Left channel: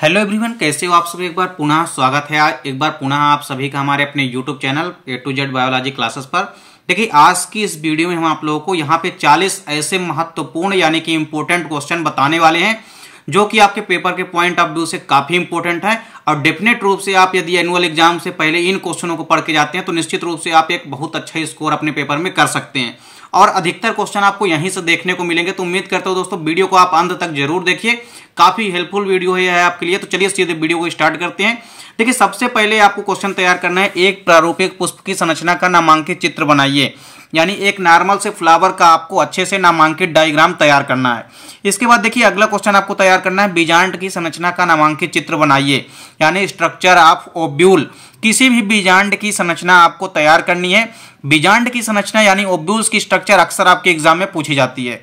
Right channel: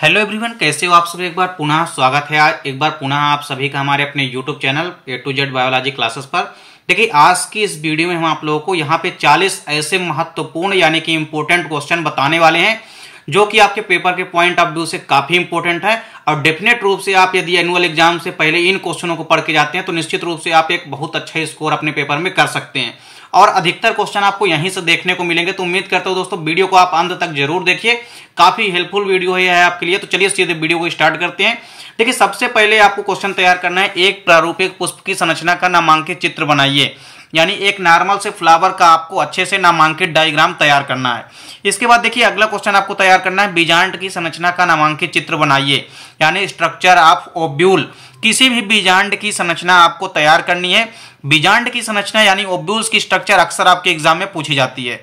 Hello everyone, कैसे हो आप सब। एक बार पुनः स्वागत है एक बार पुनः आप सभी का हमारे अपने YouTube channel A to Z biology classes पर। देखिए, आज की इस वीडियो में हम आप लोगों को यहाँ पे 40 ऐसे महत्वपूर्ण यानी कि इंपॉर्टेंट क्वेश्चन बताने वाले हैं जो कि आपके पेपर के पॉइंट ऑफ व्यू से काफी इंपॉर्टेंट है। और डेफिनेट रूप से आप यदि एनुअल एग्जाम से पहले इन क्वेश्चनों को पढ़ के जाते हैं तो निश्चित रूप से आप एक बहुत अच्छा स्कोर अपने पेपर में कर सकते हैं। और अधिकतर क्वेश्चन आपको यहीं से देखने को मिलेंगे। तो उम्मीद करता हूं दोस्तों वीडियो को आप अंत तक जरूर देखिए, काफी हेल्पफुल वीडियो है आपके लिए। तो चलिए सीधे वीडियो को स्टार्ट करते हैं। देखिए, सबसे पहले आपको क्वेश्चन तैयार करना है, एक प्रारूपिक पुष्प की संरचना का नामांकित चित्र बनाइए। यानी एक नॉर्मल से फ्लावर का आपको अच्छे से नामांकित डायग्राम तैयार करना है। इसके बाद देखिए, अगला क्वेश्चन आपको तैयार करना है, बीजांड की संरचना का नामांकित चित्र बनाइए। यानी स्ट्रक्चर ऑफ ओव्यूल, किसी भी बीजांड की संरचना आपको तैयार करनी है। बीजांड की संरचना यानी ओव्यूल्स की स्ट्रक्चर अक्सर आपके एग्जाम में पूछी जाती है।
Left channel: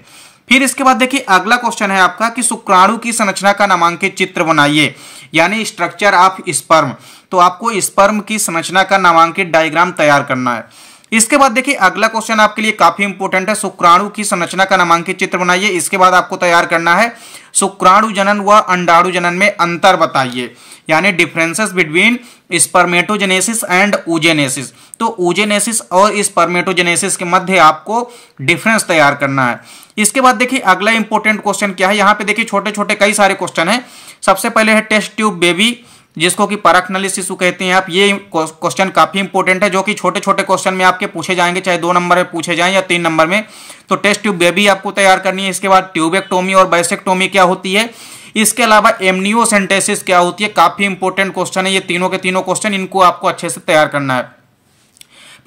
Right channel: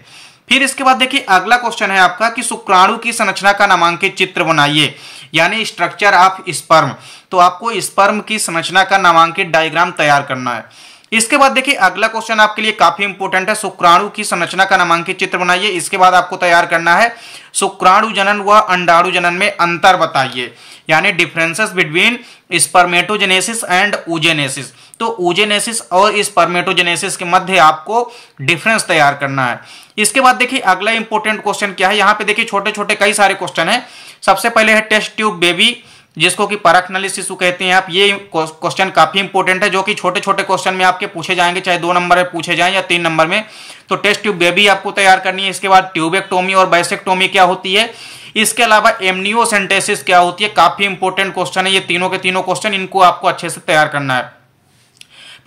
फिर इसके बाद देखिए, अगला क्वेश्चन है आपका कि शुक्राणु की संरचना का नामांकित चित्र बनाइए। यानी स्ट्रक्चर ऑफ स्पर्म, तो आपको स्पर्म की संरचना का नामांकित डायग्राम तैयार करना है। इसके बाद देखिए, अगला क्वेश्चन आपके लिए काफी इंपॉर्टेंट है, शुक्राणु की संरचना का नामांकित चित्र बनाइए। इसके बाद आपको तैयार करना है, शुक्राणु जनन व अंडाणु जनन में अंतर बताइए। यानी differences between spermatogenesis and oogenesis। तो oogenesis और स्पर्मेटोजेनेसिस के मध्य आपको डिफरेंस तैयार करना है। इसके बाद देखिए, अगला इंपॉर्टेंट क्वेश्चन क्या है। यहाँ पे देखिए छोटे छोटे कई सारे क्वेश्चन है। सबसे पहले है टेस्ट ट्यूब बेबी, जिसको कि परख नली शिशु कहते हैं आप। ये क्वेश्चन काफी इंपॉर्टेंट है, जो कि छोटे छोटे क्वेश्चन में आपके पूछे जाएंगे, चाहे 2 नंबर में पूछे जाएं या 3 नंबर में। तो टेस्ट ट्यूब बेबी आपको तैयार करनी है। इसके बाद ट्यूबेक्टोमी और बाइसेक्टोमी क्या होती है। इसके अलावा एमनियोसेंटेसिस क्या होती है, काफी इंपॉर्टेंट क्वेश्चन है ये तीनों के तीनों क्वेश्चन, इनको आपको अच्छे से तैयार करना है।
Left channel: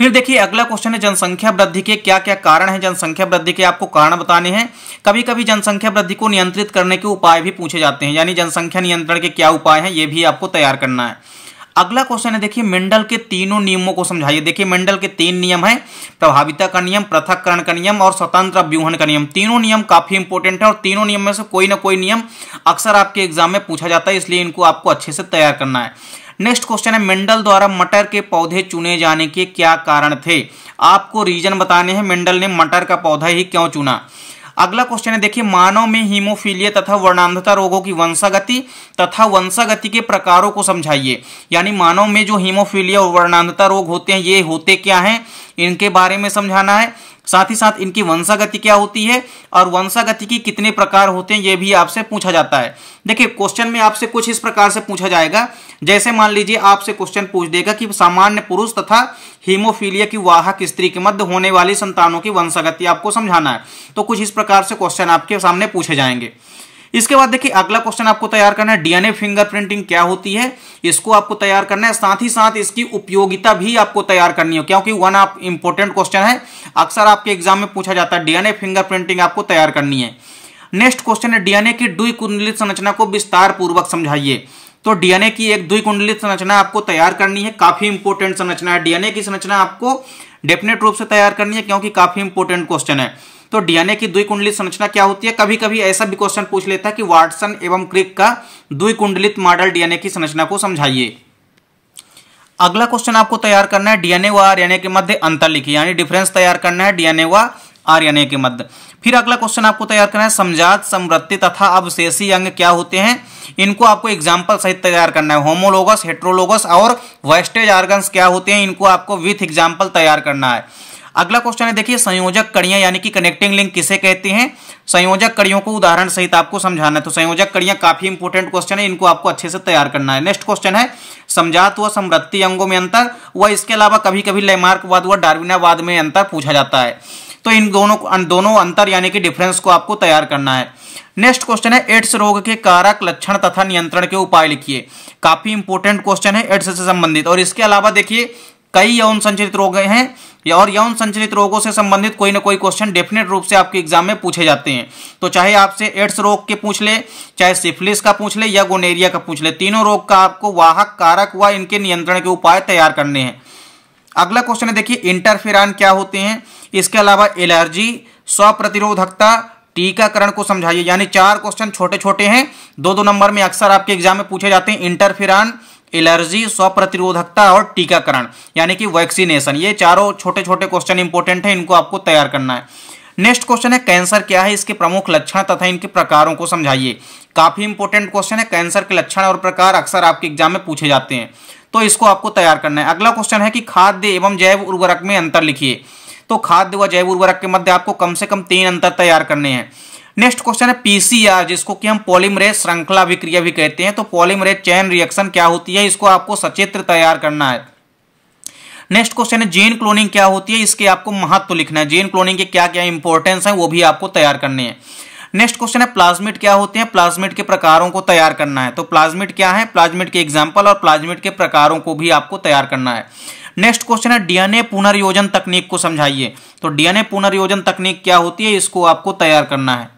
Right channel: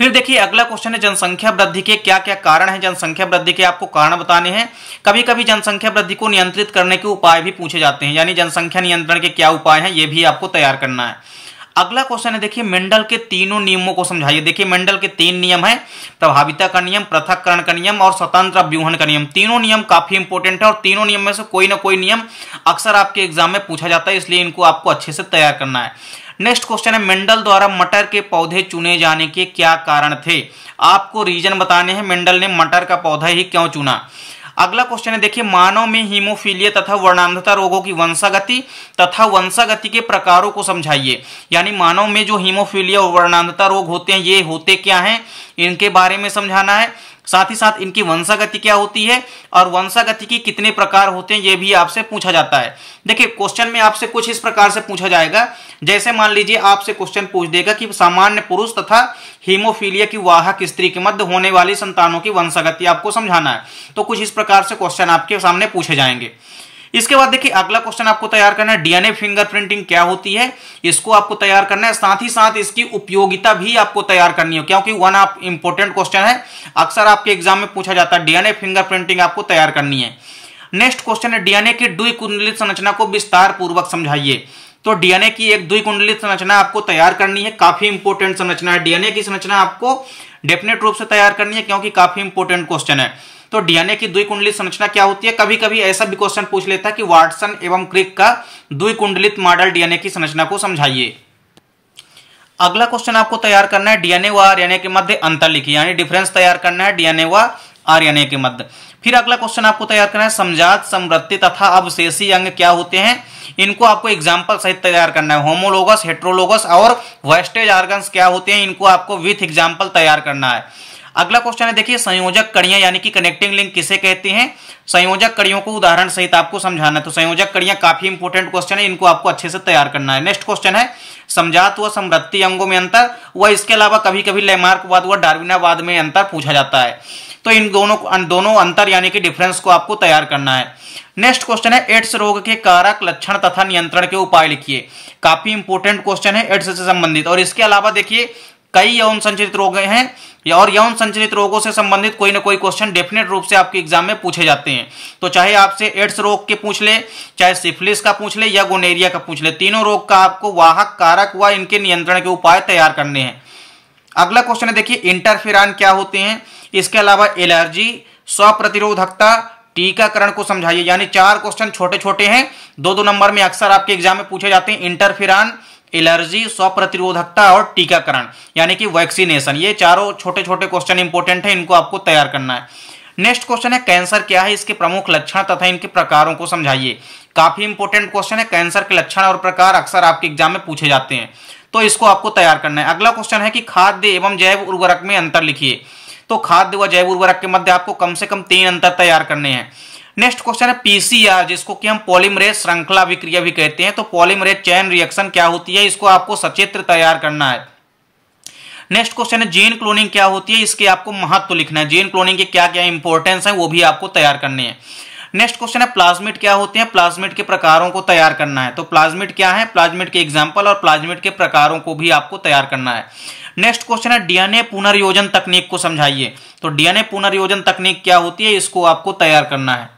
फिर देखिए, अगला क्वेश्चन है, जनसंख्या वृद्धि के क्या क्या कारण हैं। जनसंख्या वृद्धि के आपको कारण बताने हैं। कभी कभी जनसंख्या वृद्धि को नियंत्रित करने के उपाय भी पूछे जाते हैं, यानी जनसंख्या नियंत्रण के क्या उपाय हैं, ये भी आपको तैयार करना है। अगला क्वेश्चन है, देखिए मेंडल के तीनों नियमों को समझाइए। देखिए, मेंडल के 3 नियम है, प्रभाविता का नियम, पृथक्करण का नियम और स्वतंत्र अव्यूहन का नियम। तीनों नियम काफी इंपॉर्टेंट है और तीनों नियम में से कोई ना कोई नियम अक्सर आपके एग्जाम में पूछा जाता है, इसलिए इनको आपको अच्छे से तैयार करना है। नेक्स्ट क्वेश्चन है, मेंडल द्वारा मटर के पौधे चुने जाने के क्या कारण थे। आपको रीजन बताने हैं, मेंडल ने मटर का पौधा ही क्यों चुना। अगला क्वेश्चन है, देखिए मानव में हीमोफीलिया तथा वर्णांधता रोगों की वंशागति तथा वंशागति के प्रकारों को समझाइए। यानी मानव में जो हीमोफीलिया और वर्णांधता रोग होते हैं, ये होते क्या हैं, इनके बारे में समझाना है। साथ ही साथ इनकी वंशागति क्या होती है और वंशागति की कितने प्रकार होते हैं, ये भी आपसे पूछा जाता है। देखिए, क्वेश्चन में आपसे कुछ इस प्रकार से पूछा जाएगा, जैसे मान लीजिए आपसे क्वेश्चन पूछ देगा कि सामान्य पुरुष तथा हीमोफीलिया की वाहक स्त्री के मध्य होने वाली संतानों की वंशागति आपको समझाना है। तो कुछ इस प्रकार से क्वेश्चन आपके सामने पूछे जाएंगे। इसके बाद देखिए, अगला क्वेश्चन आपको तैयार करना है, डीएनए फिंगरप्रिंटिंग क्या होती है, इसको आपको तैयार करना है। साथ ही साथ इसकी उपयोगिता भी आपको तैयार करनी है, क्योंकि वन ऑफ इंपॉर्टेंट क्वेश्चन है, अक्सर आपके एग्जाम में पूछा जाता है। डीएनए फिंगरप्रिंटिंग आपको तैयार करनी है। नेक्स्ट क्वेश्चन है, डीएनए की द्विकुंडलित संरचना को विस्तार पूर्वक समझाइए। तो डीएनए की एक द्विकुंडलित संरचना आपको तैयार करनी है, काफी इंपॉर्टेंट संरचना है। डीएनए की संरचना आपको डेफिनेट रूप से तैयार करनी है, क्योंकि काफी इंपॉर्टेंट क्वेश्चन है। तो डीएनए की द्विकुंडलित संरचना क्या होती है। कभी कभी ऐसा भी क्वेश्चन पूछ लेता है कि वाटसन एवं क्रिक का द्विकुंडलित मॉडल डीएनए की संरचना को समझाइए। अगला क्वेश्चन आपको तैयार करना है, डीएनए व आरएनए के मध्य अंतर लिखिए। यानी डिफरेंस तैयार करना है डीएनए व आरएनए के मध्य। फिर अगला क्वेश्चन आपको तैयार करना है, समजात, समवृत्ति तथा अवशेषी अंग क्या होते हैं, इनको आपको एग्जाम्पल सहित तैयार करना है। होमोलोगस, हेट्रोलोगस और वेस्टेज ऑर्गन्स क्या होते हैं, इनको आपको विथ एग्जाम्पल तैयार करना है। अगला क्वेश्चन है, देखिए संयोजक कड़ियां यानी कि कनेक्टिंग लिंक किसे कहते हैं। संयोजक कड़ियों को उदाहरण सहित आपको समझाना है। तो संयोजक कड़ियां काफी इंपॉर्टेंट क्वेश्चन है, इनको आपको अच्छे से तैयार करना है। नेक्स्ट क्वेश्चन है, समजात व समवृत्ति अंगों में अंतर व इसके अलावा कभी कभी लैमार्कवाद व डार्विनावाद में अंतर पूछा जाता है। तो इन दोनों अंतर यानी कि डिफरेंस को आपको तैयार करना है। नेक्स्ट क्वेश्चन है, एड्स रोग के कारक, लक्षण तथा नियंत्रण के उपाय लिखिए। काफी इंपॉर्टेंट क्वेश्चन है एड्स से संबंधित। और इसके अलावा देखिए, कई यौन संचालित रोग हैं और यौन संचालित रोगों से संबंधित कोई ना कोई क्वेश्चन डेफिनेट रूप से आपके एग्जाम में पूछे जाते हैं। तो चाहे आपसे एड्स रोग के पूछ ले, चाहे सिफिलिस का पूछ ले या गोनेरिया का पूछ ले, तीनों रोग का आपको वाहक, कारक व इनके नियंत्रण के उपाय तैयार करने हैं। अगला क्वेश्चन है, देखिए इंटरफेरॉन क्या होते हैं। इसके अलावा एलर्जी, स्वप्रतिरोधकता, टीकाकरण को समझाइए। यानी 4 क्वेश्चन छोटे छोटे हैं, 2-2 नंबर में अक्सर आपके एग्जाम में पूछे जाते हैं। इंटरफेरॉन, एलर्जी, स्वप्रतिरोधकता और टीकाकरण यानी कि वैक्सीनेशन, ये चारों छोटे छोटे क्वेश्चन इंपॉर्टेंट है, इनको आपको तैयार करना है। नेक्स्ट क्वेश्चन है कैंसर क्या है, इसके प्रमुख लक्षण तथा इनके प्रकारों को समझाइए। काफी इंपॉर्टेंट क्वेश्चन है, कैंसर के लक्षण और प्रकार अक्सर आपके एग्जाम में पूछे जाते हैं, तो इसको आपको तैयार करना है। अगला क्वेश्चन है कि खाद्य एवं जैव उर्वरक में अंतर लिखिए। तो खाद्य व जैव उर्वरक के मध्य आपको कम से कम 3 अंतर तैयार करने हैं। नेक्स्ट क्वेश्चन है पीसीआर, जिसको कि हम पॉलीमरेज श्रृंखला अभिक्रिया भी कहते हैं। तो पॉलीमरेज चेन रिएक्शन क्या होती है, इसको आपको सचित्र तैयार करना है। नेक्स्ट क्वेश्चन है जीन क्लोनिंग क्या होती है, इसके आपको महत्व लिखना है। जीन क्लोनिंग के क्या क्या इंपॉर्टेंस है वो भी आपको तैयार करने हैं। नेक्स्ट क्वेश्चन है प्लाज्मिड क्या होते हैं, प्लाज्मिड के प्रकारों को तैयार करना है। तो प्लाज्मिड क्या है, प्लाज्मिड के एग्जाम्पल और प्लाज्मिड के प्रकारों को भी आपको तैयार करना है। नेक्स्ट क्वेश्चन है डीएनए पुनर्योजन तकनीक को समझाइए। तो डीएनए पुनर्योजन तकनीक क्या होती है, इसको आपको तैयार करना है।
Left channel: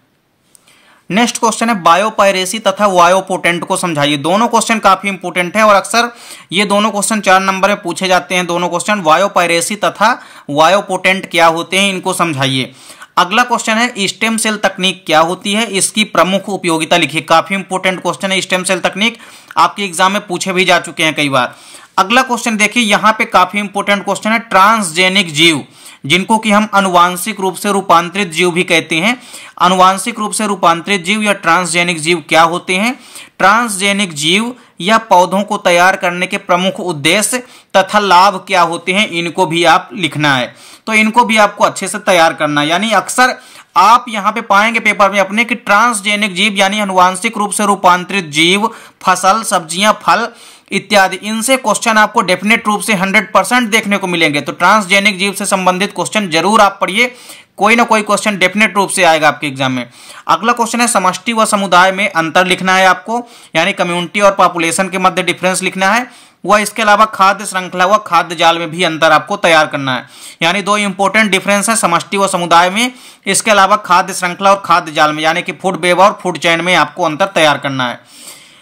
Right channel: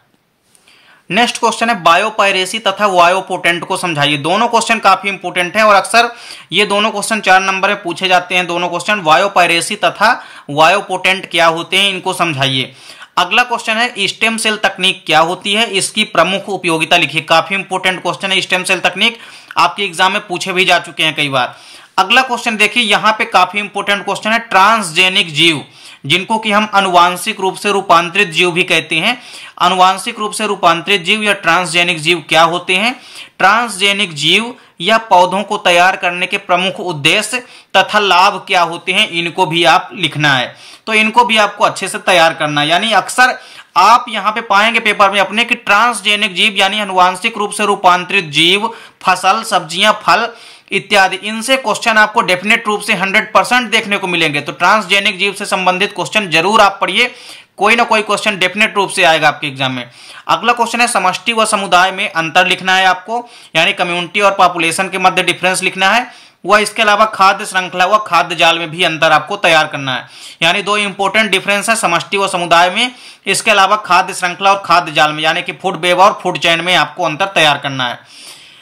नेक्स्ट क्वेश्चन है बायोपायरेसी तथा वायोपोटेंट को समझाइए। दोनों क्वेश्चन काफी इंपोर्टेंट है और अक्सर ये दोनों क्वेश्चन 4 नंबर में पूछे जाते हैं। दोनों क्वेश्चन बायोपायरेसी तथा वायोपोटेंट क्या होते हैं, इनको समझाइए। अगला क्वेश्चन है स्टेम सेल तकनीक क्या होती है, इसकी प्रमुख उपयोगिता लिखिए। काफी इंपोर्टेंट क्वेश्चन है, स्टेम सेल तकनीक आपके एग्जाम में पूछे भी जा चुके हैं कई बार। अगला क्वेश्चन देखिए, यहाँ पे काफी इंपोर्टेंट क्वेश्चन है ट्रांसजेनिक जीव, जिनको कि हम अनुवांशिक रूप से रूपांतरित जीव भी कहते हैं। अनुवांशिक रूप से रूपांतरित जीव या ट्रांसजेनिक जीव क्या होते हैं। ट्रांसजेनिक जीव या पौधों को तैयार करने के प्रमुख उद्देश्य तथा लाभ क्या होते हैं, इनको भी आप लिखना है। तो इनको भी आपको अच्छे से तैयार करना है। यानी अक्सर आप यहां पे पाएंगे पेपर में अपने कि ट्रांसजेनिक जीव यानी अनुवांशिक रूप से रूपांतरित जीव, फसल, सब्जियां, फल इत्यादि, इनसे क्वेश्चन आपको डेफिनेट रूप से 100% देखने को मिलेंगे। तो ट्रांसजेनिक जीव से संबंधित क्वेश्चन जरूर आप पढ़िए, कोई ना कोई क्वेश्चन डेफिनेट रूप से आएगा आपके एग्जाम में। अगला क्वेश्चन है समष्टि व समुदाय में अंतर लिखना है आपको, यानी कम्युनिटी और पॉपुलेशन के मध्य डिफरेंस लिखना है। वह इसके अलावा खाद्य श्रृंखला व खाद्य जाल में भी अंतर आपको तैयार करना है। यानी 2 इंपॉर्टेंट डिफरेंस है समष्टि व समुदाय में, इसके अलावा खाद्य श्रृंखला और खाद्य जाल में, यानी कि फूड वेब और फूड चेन में आपको अंतर तैयार करना है।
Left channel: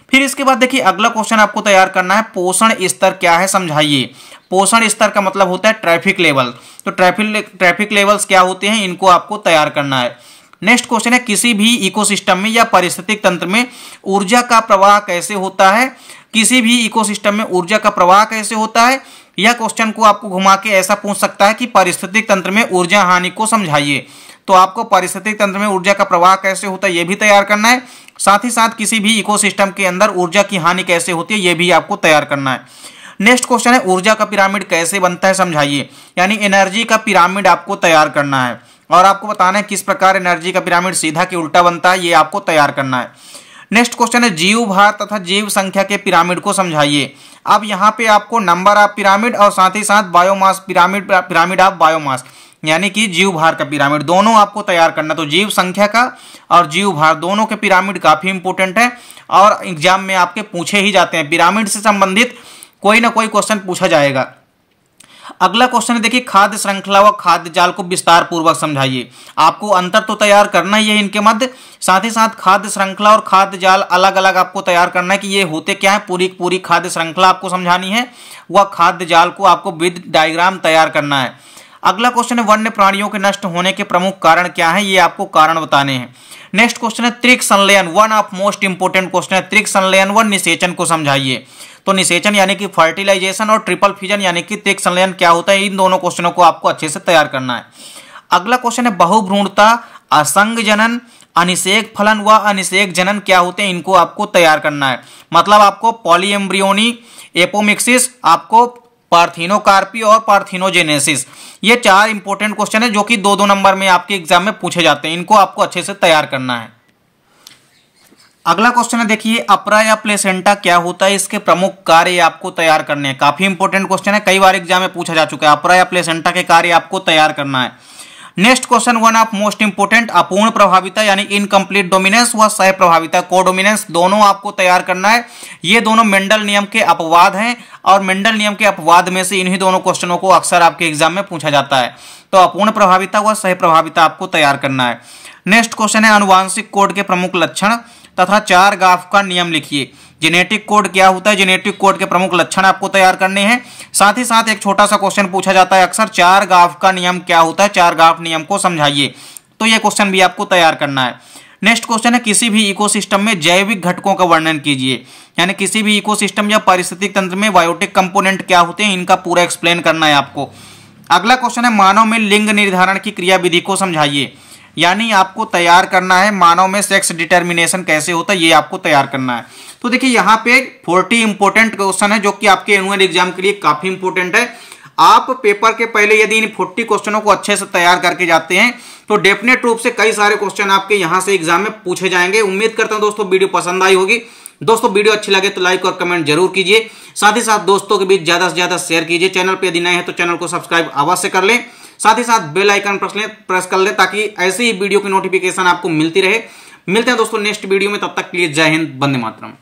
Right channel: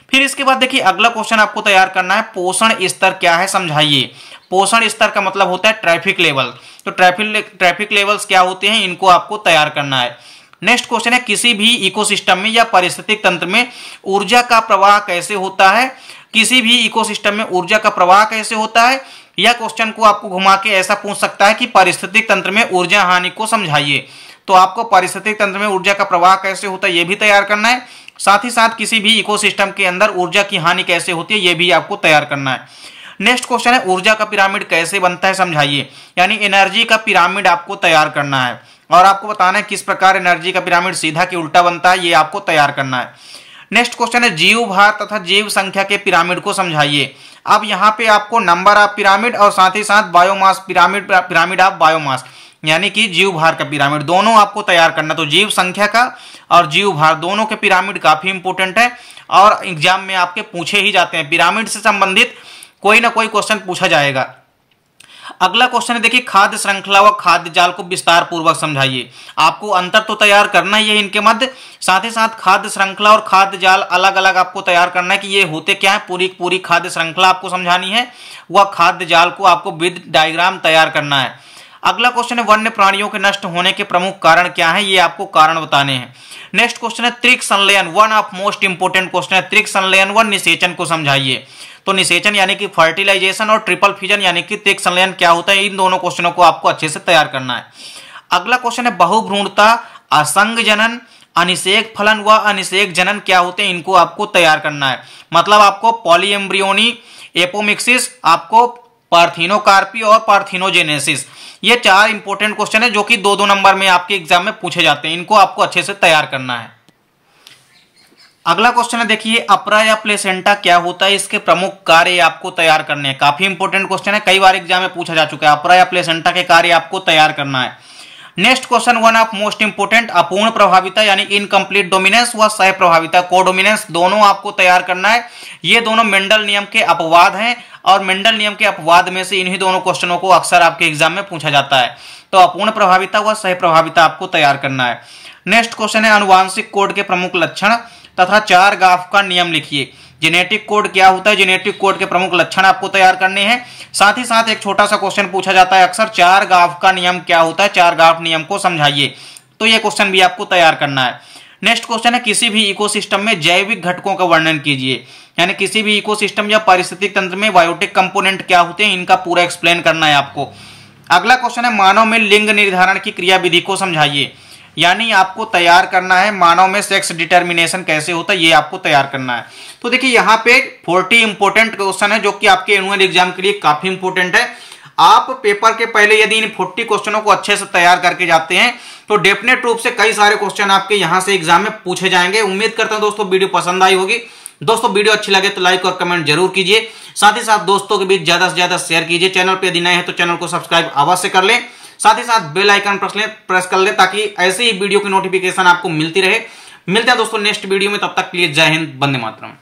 फिर इसके बाद देखिए अगला क्वेश्चन आपको तैयार करना है पोषण स्तर क्या है, समझाइए। पोषण स्तर का मतलब होता है ट्रैफिक लेवल। तो ट्रैफिक लेवल्स क्या होते हैं, इनको आपको तैयार करना है। नेक्स्ट क्वेश्चन है किसी भी इकोसिस्टम में या पारिस्थितिक तंत्र में ऊर्जा का प्रवाह कैसे होता है। किसी भी इकोसिस्टम में ऊर्जा का प्रवाह कैसे होता है, यह क्वेश्चन को आपको घुमा के ऐसा पूछ सकता है कि पारिस्थितिक तंत्र में ऊर्जा हानि को समझाइए। तो आपको पारिस्थितिक तंत्र में ऊर्जा का प्रवाह कैसे होता है, यह भी तैयार करना है। साथ ही साथ किसी भी इकोसिस्टम के अंदर ऊर्जा की हानि कैसे होती है, यह भी आपको तैयार करना है। नेक्स्ट क्वेश्चन है ऊर्जा का पिरामिड कैसे बनता है, समझाइए। यानी एनर्जी का पिरामिड आपको तैयार करना है और आपको बताना है किस प्रकार एनर्जी का पिरामिड सीधा कि उल्टा बनता है, ये आपको तैयार करना है। नेक्स्ट क्वेश्चन है जीव भार तथा जीव संख्या के पिरामिड को समझाइए। अब यहाँ पे आपको नंबर ऑफ पिरामिड और साथ ही साथ बायोमास पिरामिड ऑफ बायोमास, यानी कि जीव भार का पिरामिड, दोनों आपको तैयार करना। तो जीव संख्या का और जीव भार दोनों के पिरामिड काफी इंपोर्टेंट है और एग्जाम में आपके पूछे ही जाते हैं। पिरामिड से संबंधित कोई ना कोई क्वेश्चन पूछा जाएगा। अगला क्वेश्चन है देखिए खाद्य श्रृंखला व खाद्य जाल को विस्तार पूर्वक समझाइए। आपको अंतर तो तैयार करना ही है इनके मध्य, साथ ही साथ खाद्य श्रृंखला और खाद्य जाल अलग अलग आपको तैयार करना है कि ये होते क्या है। पूरी खाद्य श्रृंखला आपको समझानी है, वह खाद्य जाल को आपको विद डायग्राम तैयार करना है। अगला क्वेश्चन है वन्य प्राणियों के नष्ट होने के प्रमुख कारण क्या है, ये आपको कारण बताने हैं। नेक्स्ट क्वेश्चन है त्रिक संलयन, one of most important question है त्रिक संलयन व निषेचन को समझाइए। तो निषेचन यानी कि फर्टिलाइजेशन और ट्रिपल फिजन यानी कि त्रिक संलयन क्या होता है, इन दोनों क्वेश्चनों को आपको अच्छे से तैयार करना है। अगला क्वेश्चन है बहुभ्रूणता, असंग जनन, अनिषेक फलन व अनिषेक जनन क्या होते हैं, इनको आपको तैयार करना है। मतलब आपको पॉलीएम्ब्रियोनी, एपोमिक्सिस, आपको पार्थिनोकार्पी और पार्थिनोजेनेसिस, ये 4 इंपॉर्टेंट क्वेश्चन है जो कि 2-2 नंबर में आपके एग्जाम में पूछे जाते हैं। इनको आपको अच्छे से तैयार करना है। अगला क्वेश्चन है देखिए अपरा या प्लेसेंटा क्या होता है, इसके प्रमुख कार्य आपको तैयार करने हैं। काफी इंपॉर्टेंट क्वेश्चन है, कई बार एग्जाम में पूछा जा चुका है। अपरा या प्लेसेंटा के कार्य आपको तैयार करना है। Next question one of most important अपूर्ण प्रभाविता यानी इनकम्प्लीट डोमिनेंस व सह प्रभाविता कोडोमिनेंस, दोनों आपको तैयार करना है। ये दोनों मेंडल नियम के अपवाद हैं और मेंडल नियम के अपवाद में से इन्हीं दोनों क्वेश्चनों को अक्सर आपके एग्जाम में पूछा जाता है। तो अपूर्ण प्रभाविता व सह प्रभाविता आपको तैयार करना है। नेक्स्ट क्वेश्चन है अनुवांशिक कोड के प्रमुख लक्षण तथा 4 गाफ का नियम लिखिए। जेनेटिक कोड क्या होता है, जेनेटिक कोड के प्रमुख लक्षण आपको तैयार करने हैं। साथ ही साथ एक छोटा सा क्वेश्चन पूछा जाता है अक्सर 4 गाफ का नियम क्या होता है, 4 गाफ नियम को समझाइए। तो यह क्वेश्चन भी आपको तैयार करना है। नेक्स्ट क्वेश्चन है किसी भी इकोसिस्टम में जैविक घटकों का वर्णन कीजिए। यानी किसी भी इकोसिस्टम या पारिस्थितिक तंत्र में बायोटिक कंपोनेंट क्या होते हैं, इनका पूरा एक्सप्लेन करना है आपको। अगला क्वेश्चन है मानव में लिंग निर्धारण की क्रियाविधि को समझाइए। यानी आपको तैयार करना है मानव में सेक्स डिटर्मिनेशन कैसे होता है, ये आपको तैयार करना है। तो देखिए यहाँ पे 40 इंपोर्टेंट क्वेश्चन है जो कि आपके एनुअल एग्जाम के लिए काफी इंपोर्टेंट है। आप पेपर के पहले यदि इन 40 क्वेश्चनों को अच्छे से तैयार करके जाते हैं तो डेफिनेट रूप से कई सारे क्वेश्चन आपके यहां से एग्जाम में पूछे जाएंगे। उम्मीद करता हूं दोस्तों वीडियो पसंद आई होगी। दोस्तों वीडियो अच्छी लगे तो लाइक और कमेंट जरूर कीजिए, साथ ही साथ दोस्तों के बीच ज्यादा से ज्यादा शेयर कीजिए। चैनल पे यदि नए हैं तो चैनल को सब्सक्राइब अवश्य कर लें, साथ ही साथ बेल आइकन प्रेस कर लें ताकि ऐसे ही वीडियो की नोटिफिकेशन आपको मिलती रहे। मिलते हैं दोस्तों नेक्स्ट वीडियो में, तब तक के लिए जय हिंद, वंदे मातरम।